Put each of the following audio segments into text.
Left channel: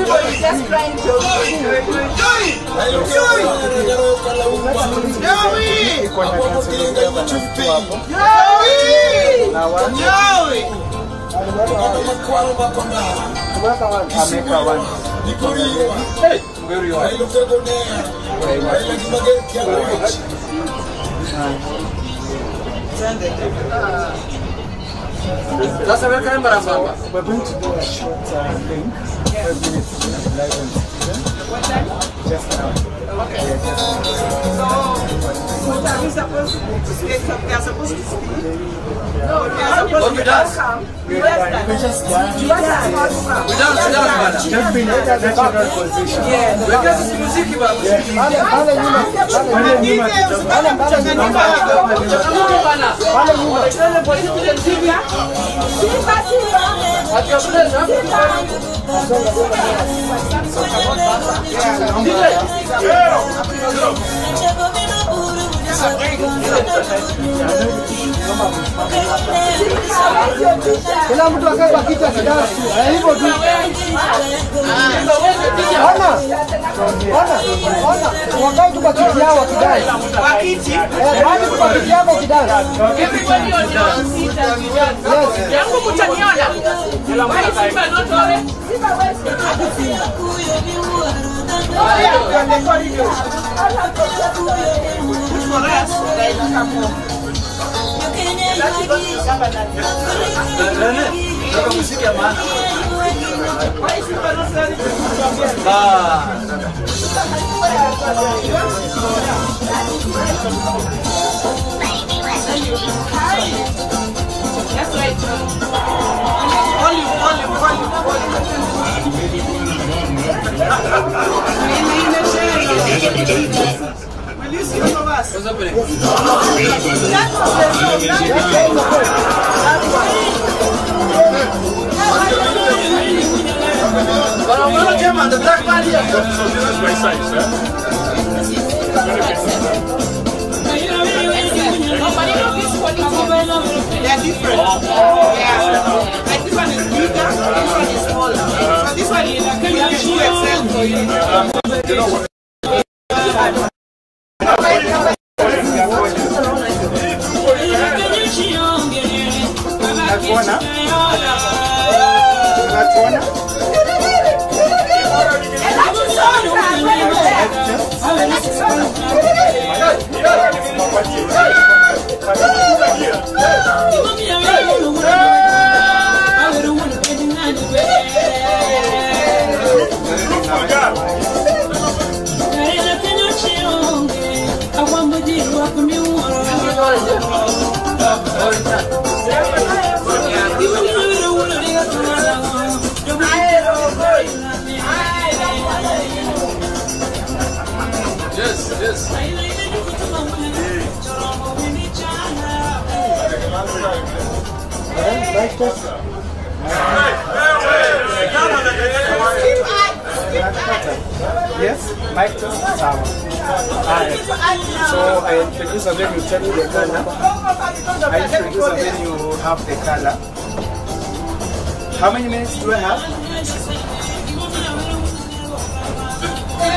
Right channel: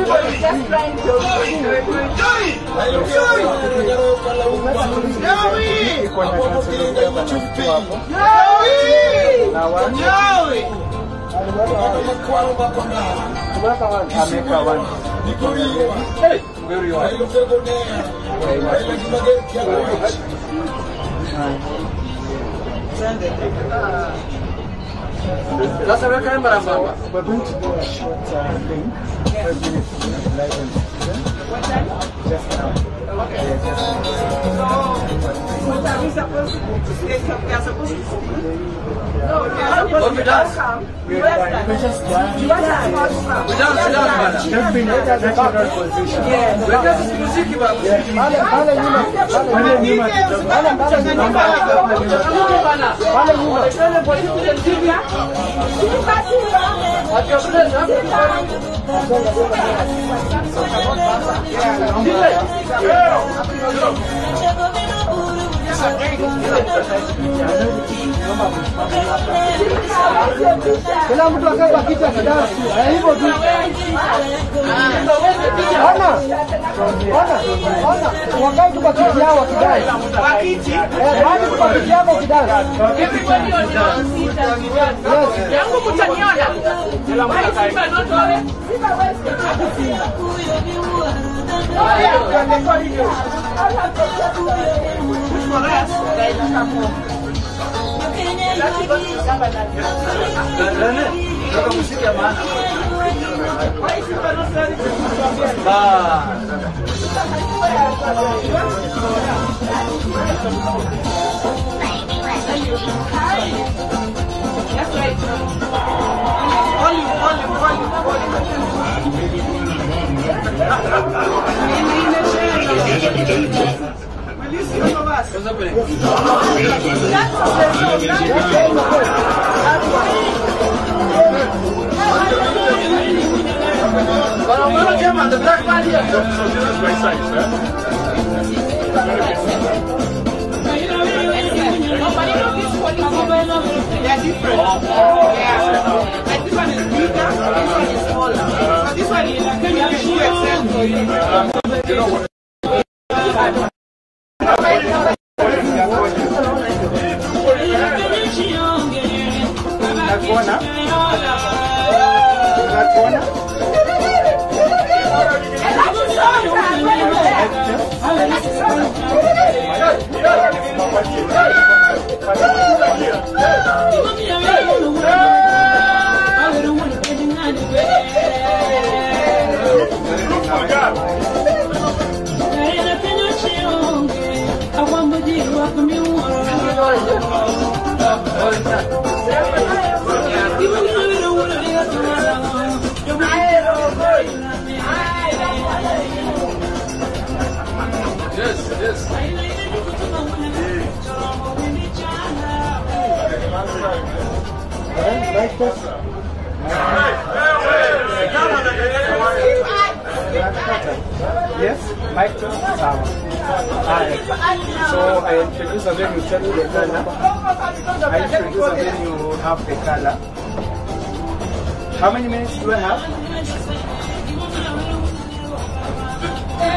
everybody is just trying to That's a very kind of we're going to do a short thing. 5 minutes to live and what time? just now. Okay. So are we supposed to speak? They are supposed to speak? No, they are supposed to come. You can just dance. Just be in a natural position. Kila mtu akae kwa kiti kidansi. Hivyo tu. Ona. Wakae tu kwa kiti yao kidansi. Kwa kiti. Bali kwa kiti yao kidansi. Yes. Yangu mtaniona. Yes, mic test. So I introduce a venue, tell you the color. I introduce a venue, have the color. How many minutes do I have?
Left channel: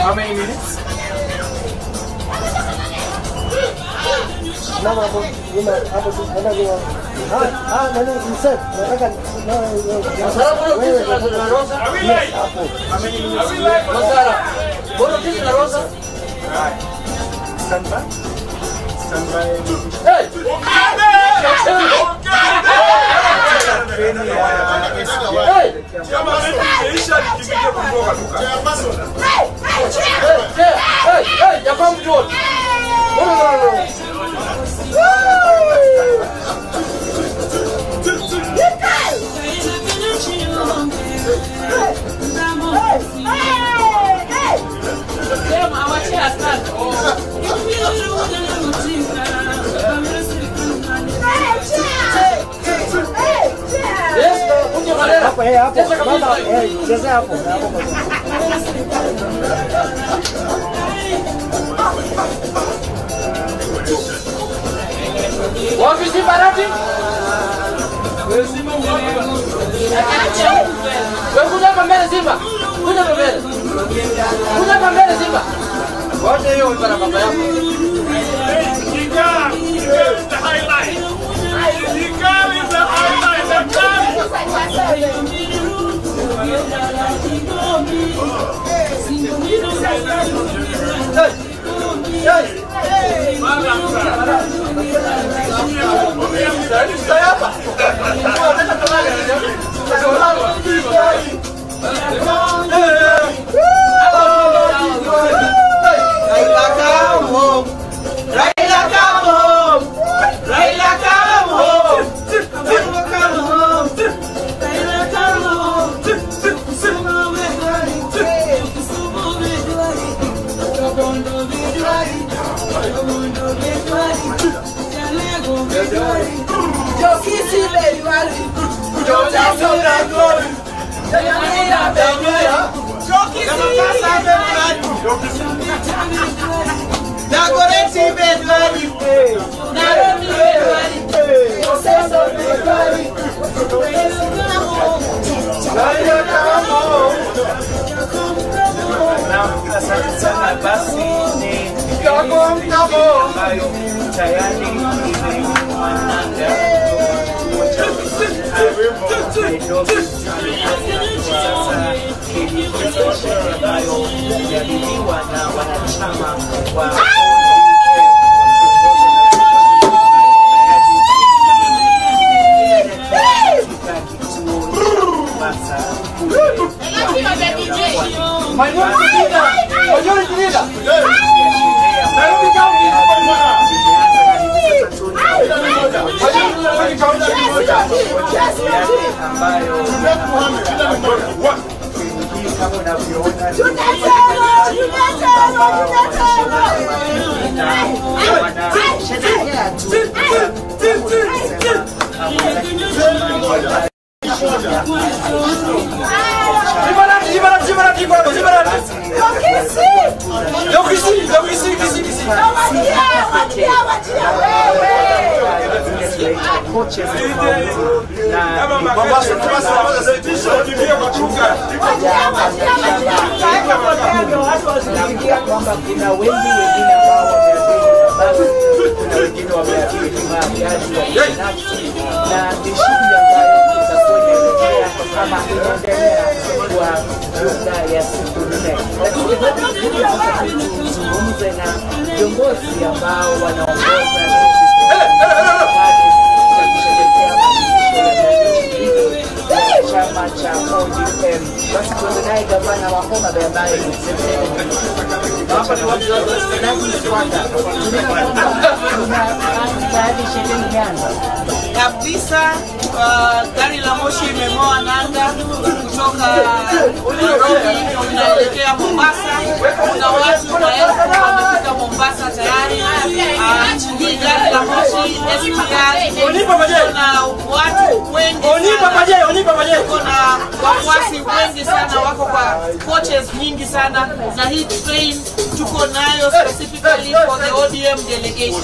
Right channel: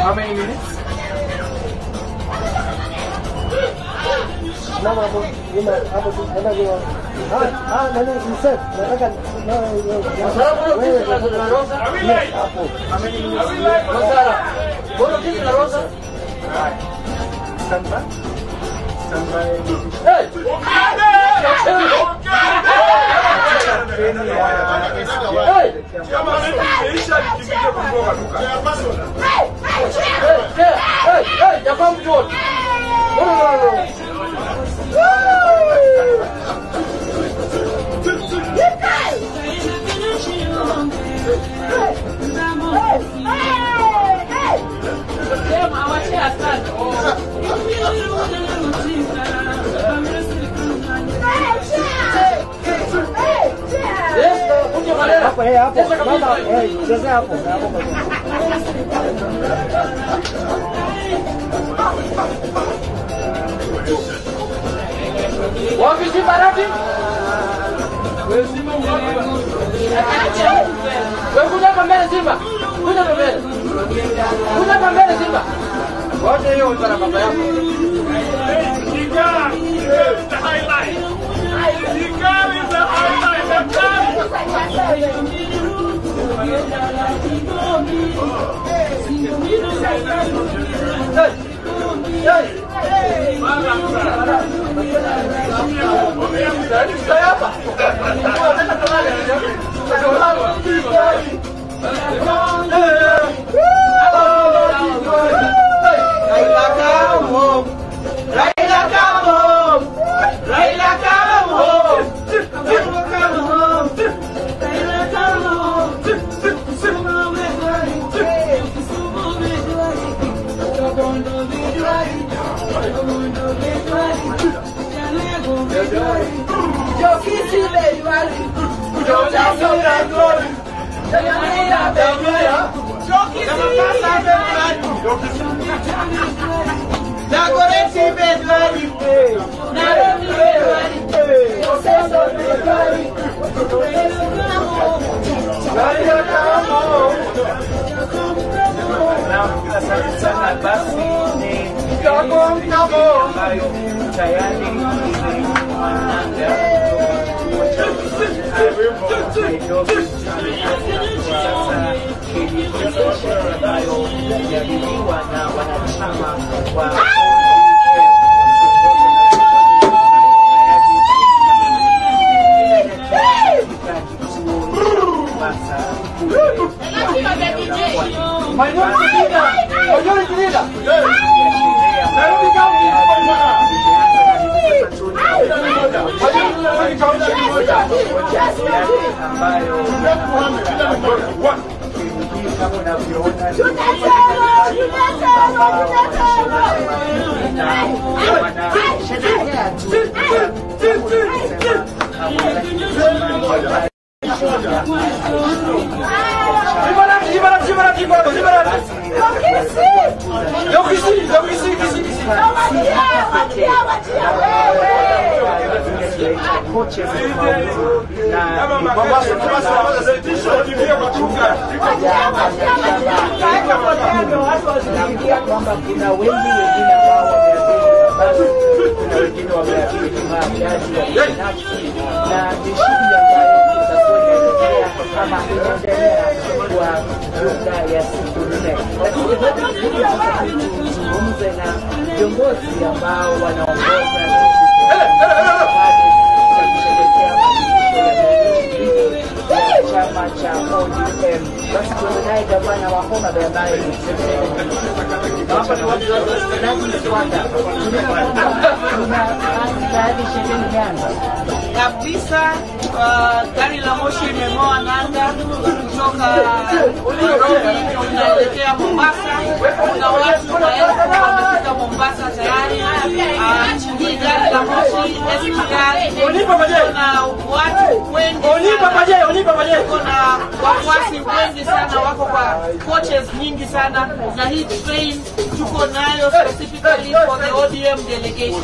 How many minutes? Stand by. Stand by. Hey! Wapi barati? Wewe kuja mbele Simba. Kuja mbele. Wote hiyo iko na baba yako. Kabisa gari la moshi imeng'oa nanga kutoka Nairobi inaelekea Mombasa. Kuna watu maelfu wamefika Mombasa tayari. Hii gari la moshi kuna watu wengi, kuna wafuasi wengi sana, wako kwa coaches nyingi sana, na hii train tuko nayo specifically for the ODM delegation.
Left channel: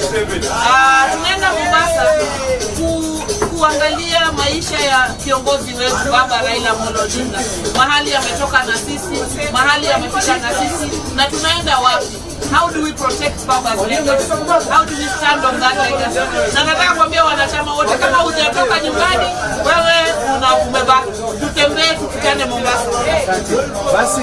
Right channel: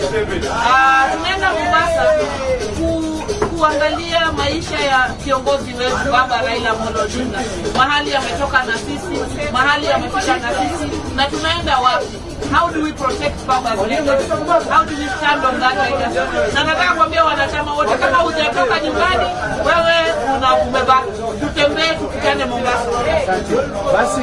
Tunaenda Mombasa kuangalia maisha ya kiongozi wetu Baba Raila Amolo Odinga, mahali ametoka na sisi, mahali amefika na sisi, na tunaenda wapi. How do we protect Baba's legacy? How do we stand on that legacy? Na nataka kuambia wanachama wote, kama hujatoka nyumbani, wewe umebaki, tutembee tukutane Mombasa. Basi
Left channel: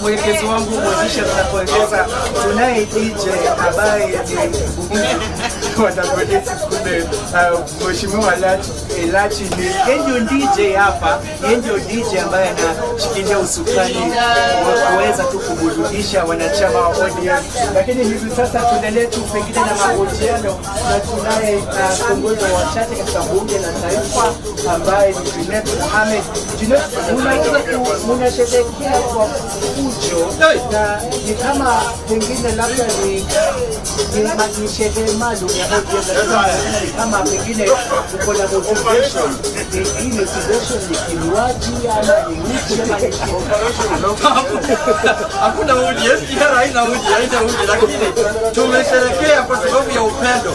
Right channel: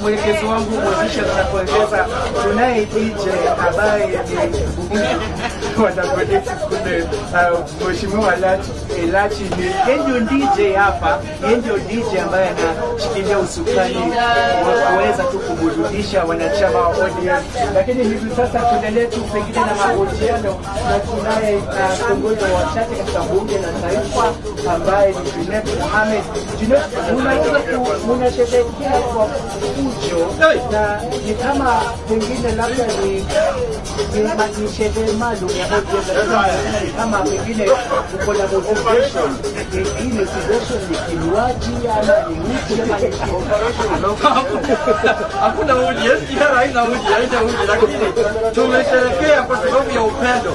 mwelekezi wangu Mozisha, tunapoeleza tunaye DJ ambaye ni wanagodesi kule Mheshimiwa Elachi ni ndio DJ hapa, ndio DJ ambaye anashikilia usukani wa kuweza tu kuburudisha wanachama wa ODM. Lakini hivi sasa tuendelee tu pengine na mahojiano na tunaye kiongozi wa wachache katika bunge la taifa ambaye ni Junet Mohamed. Junet, mnatetekea kwa fujo na ni kama pengine labda ni sherehe maalum ya kama pengine uko na motivation, hii motivation ni kinywaji ama ni nchi ama ni hakuna udi, haina udi, lakini tumesherekea kwa sababu ya upendo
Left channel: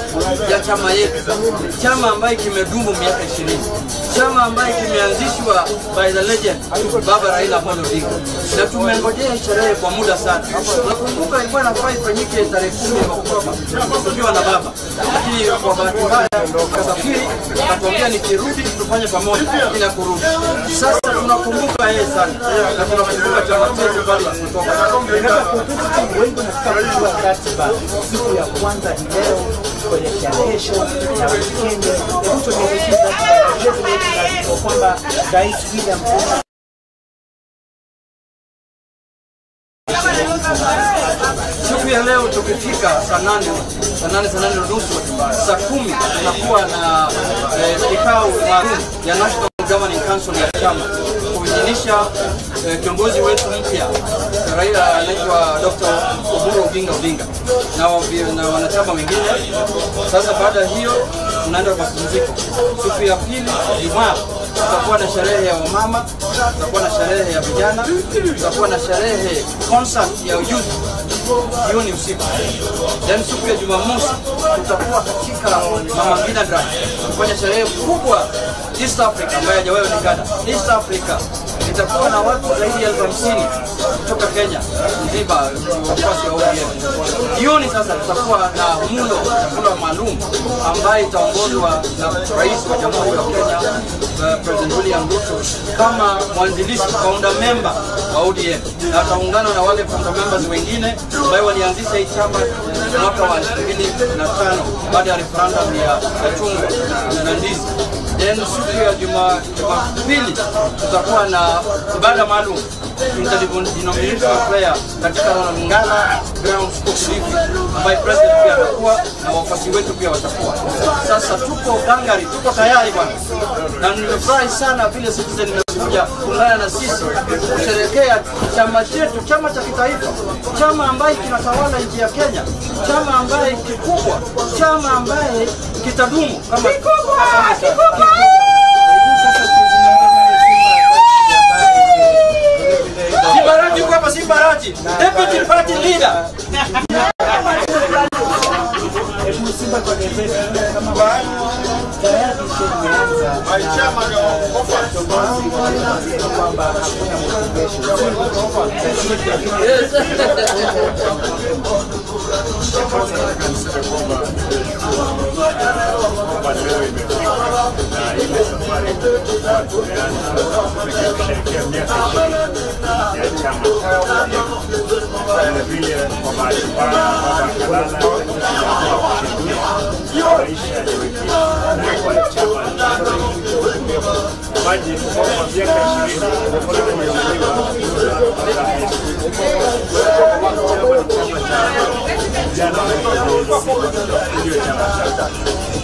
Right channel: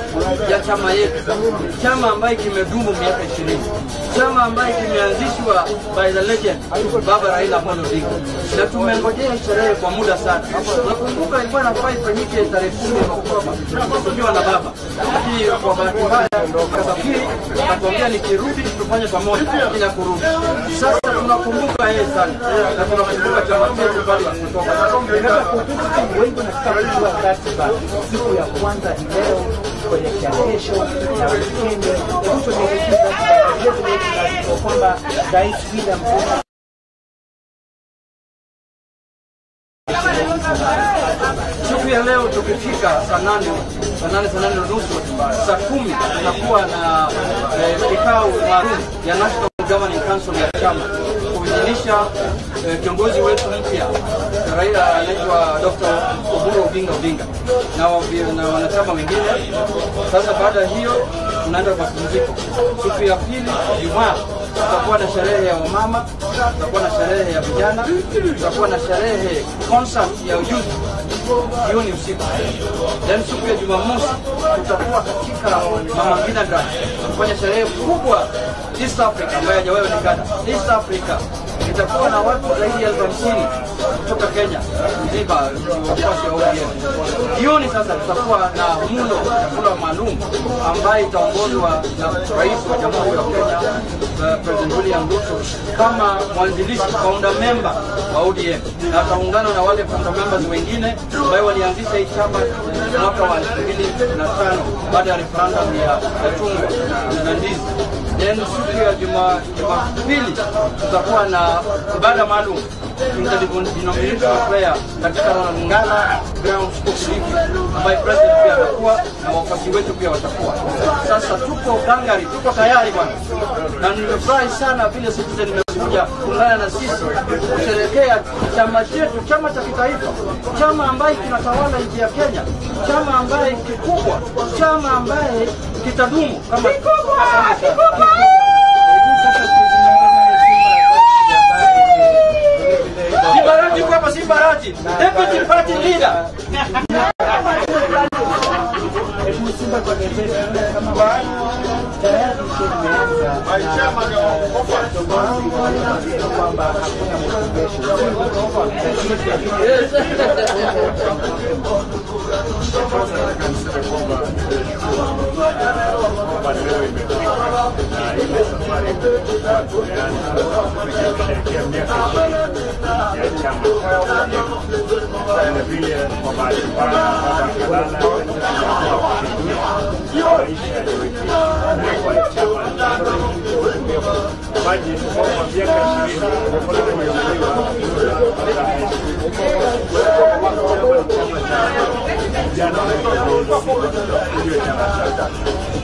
ya chama yetu, chama ambaye kimedumu miaka 20, chama ambaye kimeanzishwa by the legend Baba Raila Amolo Odinga, na tumengojea sherehe kwa muda sana. Nakumbuka ilikuwa inafaa ifanyike tarehe 10 Oktoba tukiwa na baba, lakini kwa bahati mbaya kasafiri akatuambia nikirudi tufanye pamoja bila kurudi. Sasa tunakumbuka yeye sana na tunakumbuka chama chetu bado tunatoka. Siku ya kwanza leo kuelekea kesho na weekend tunaelekeza kwamba Rais William Ruto siku ya leo tukifika saa 8 nusu, saa 10 tunakuwa na kikao maalum ya National Governing Council ya chama kuidhinisha kiongozi wetu mpya Raila anaitwa Dr. Oburu Odinga na wanachama wengine. Sasa baada hiyo tunaenda kwa mapumziko. Siku ya pili Ijumaa tutakuwa na sherehe ya wamama, tutakuwa na sherehe ya vijana, tutakuwa na sherehe concert ya youth jioni usiku. Then siku ya Jumamosi tutakuwa katika Mama Ngina Drive kufanya sherehe kubwa East Africa ambayo hajawahi kuonekana. East Africa itakuwa na watu zaidi ya 50 kutoka Kenya nzima wafuasi wa ODM. Jioni sasa tutakuwa na mlo chakula maalum ambaye itaongozwa na Rais wa Jamhuri ya Kenya President William Ruto kama mwanzilishi founder member wa ODM, na ataungana na wale founder members wengine ambao walianzisha hii chama mwaka wa 2005 baada ya referendum ya chungwa na ndizi. Then siku ya Jumapili tutakuwa na ibada maalum interdenominational prayer katika Ngala Ground School ambayo president pia atakuwa na wafuasi wetu pia watakuwa. Sasa tuko gangari, tuko tayari bwana, na nimefurahi sana vile Citizen imekuja kuungana na sisi kusherehekea chama chetu, chama cha kitaifa, chama ambaye kinatawala nchi ya Kenya, chama ambaye kikubwa, chama ambaye kitadumu kama Sibarati kwa Sibarati, deputy party leader.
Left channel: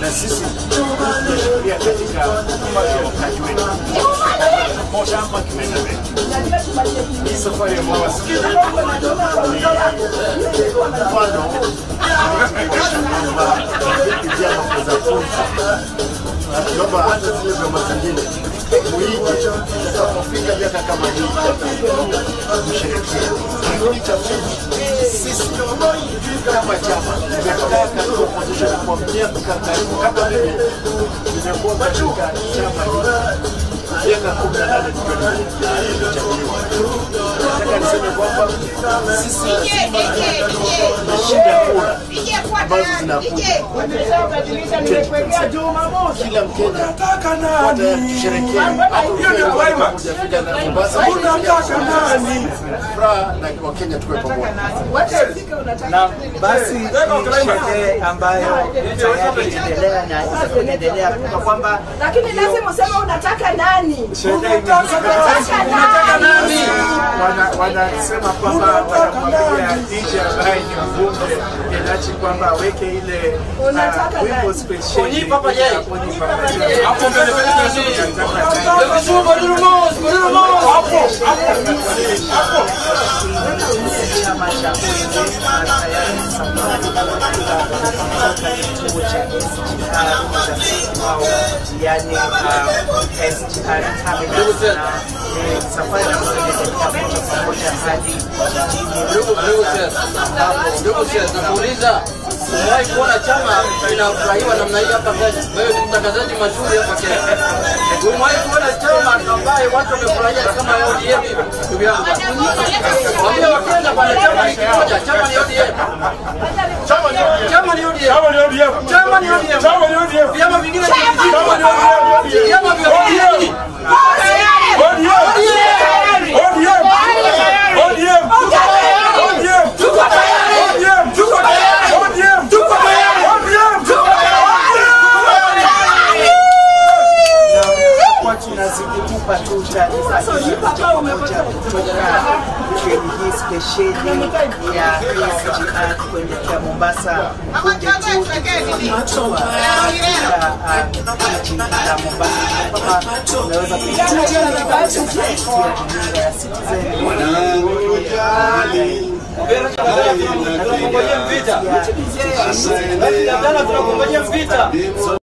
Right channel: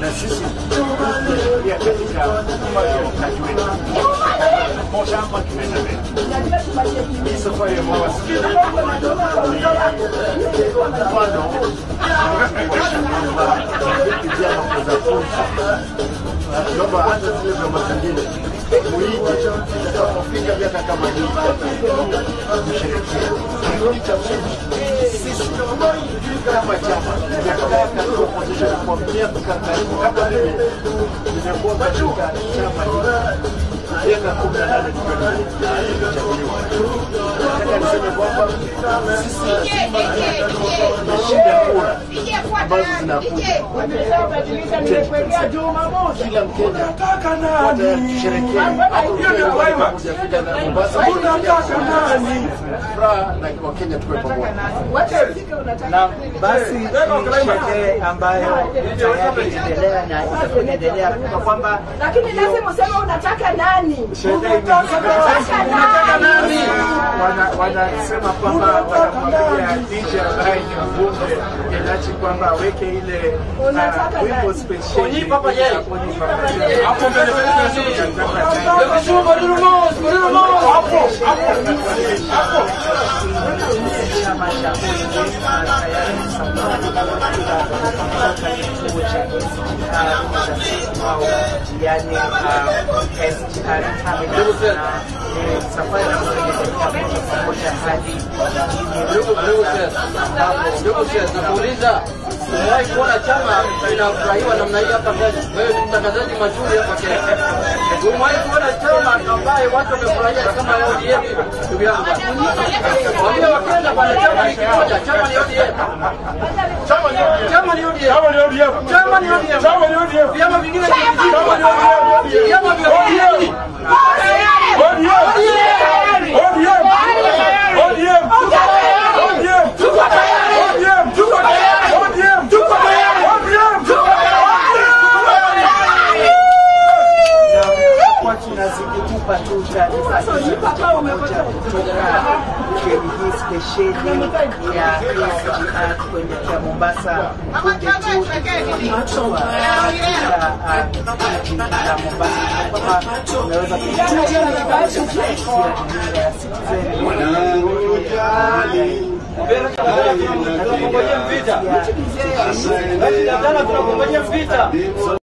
na sisi tunashikilia katika chama hii safari ya mawasiliano mfano kijana za fursa naomba hata zile za mazingine muhimu kufika miaka kama hii mshirikiano cha sisi kama chama tumekaa katika position kwa miaka kama mimi nimekuwa katika chama miaka 18 tumechaguliwa. Nataka niseme kwamba sisi lazima tunashinda kura ambazo zinakuja. Kila Mkenya watasherehekea hata na Mombasa furaha na Wakenya tuwe pamoja. Na basi ni sherehe ambayo tayari inaendelea na itaendelea kwa kwamba lakini lazima useme unataka nani? Unataka nani? Wanasema kwamba wanamwambia DJ ambaye ni mbunge Elachi kwamba aweke ile wimbo spesheli Papa Jay. Hapo mbele chama cha kituo cha yani SGR terminal na safari ya pamoja hadi Nauliza, umewahi kuona chama kinafurahiwa namna hii hapa Kenya? Wewe ni mtangazaji mazuri hapa Kenya. Umewahi kuona chama ambaye watu wamefurahia kama ODM hivi? Ndugu yangu. Wambia Wakenya bwana, chama ni kimoja, chama ni ODM. Chama ni ODM. Chama ni ODM. Chama ni ODM. Chama ni ODM. Vyama vingine ni ODM. Chama ni ODM. Vyama vya ODM. tunazikupa tu taarifa pamoja kutoka kwenye hii stesheni ya SGR kuelekea Mombasa kunde tu kutoka jiji la Mombasa. Kama unaweza kusikia ya Citizen Tunakungojea vita.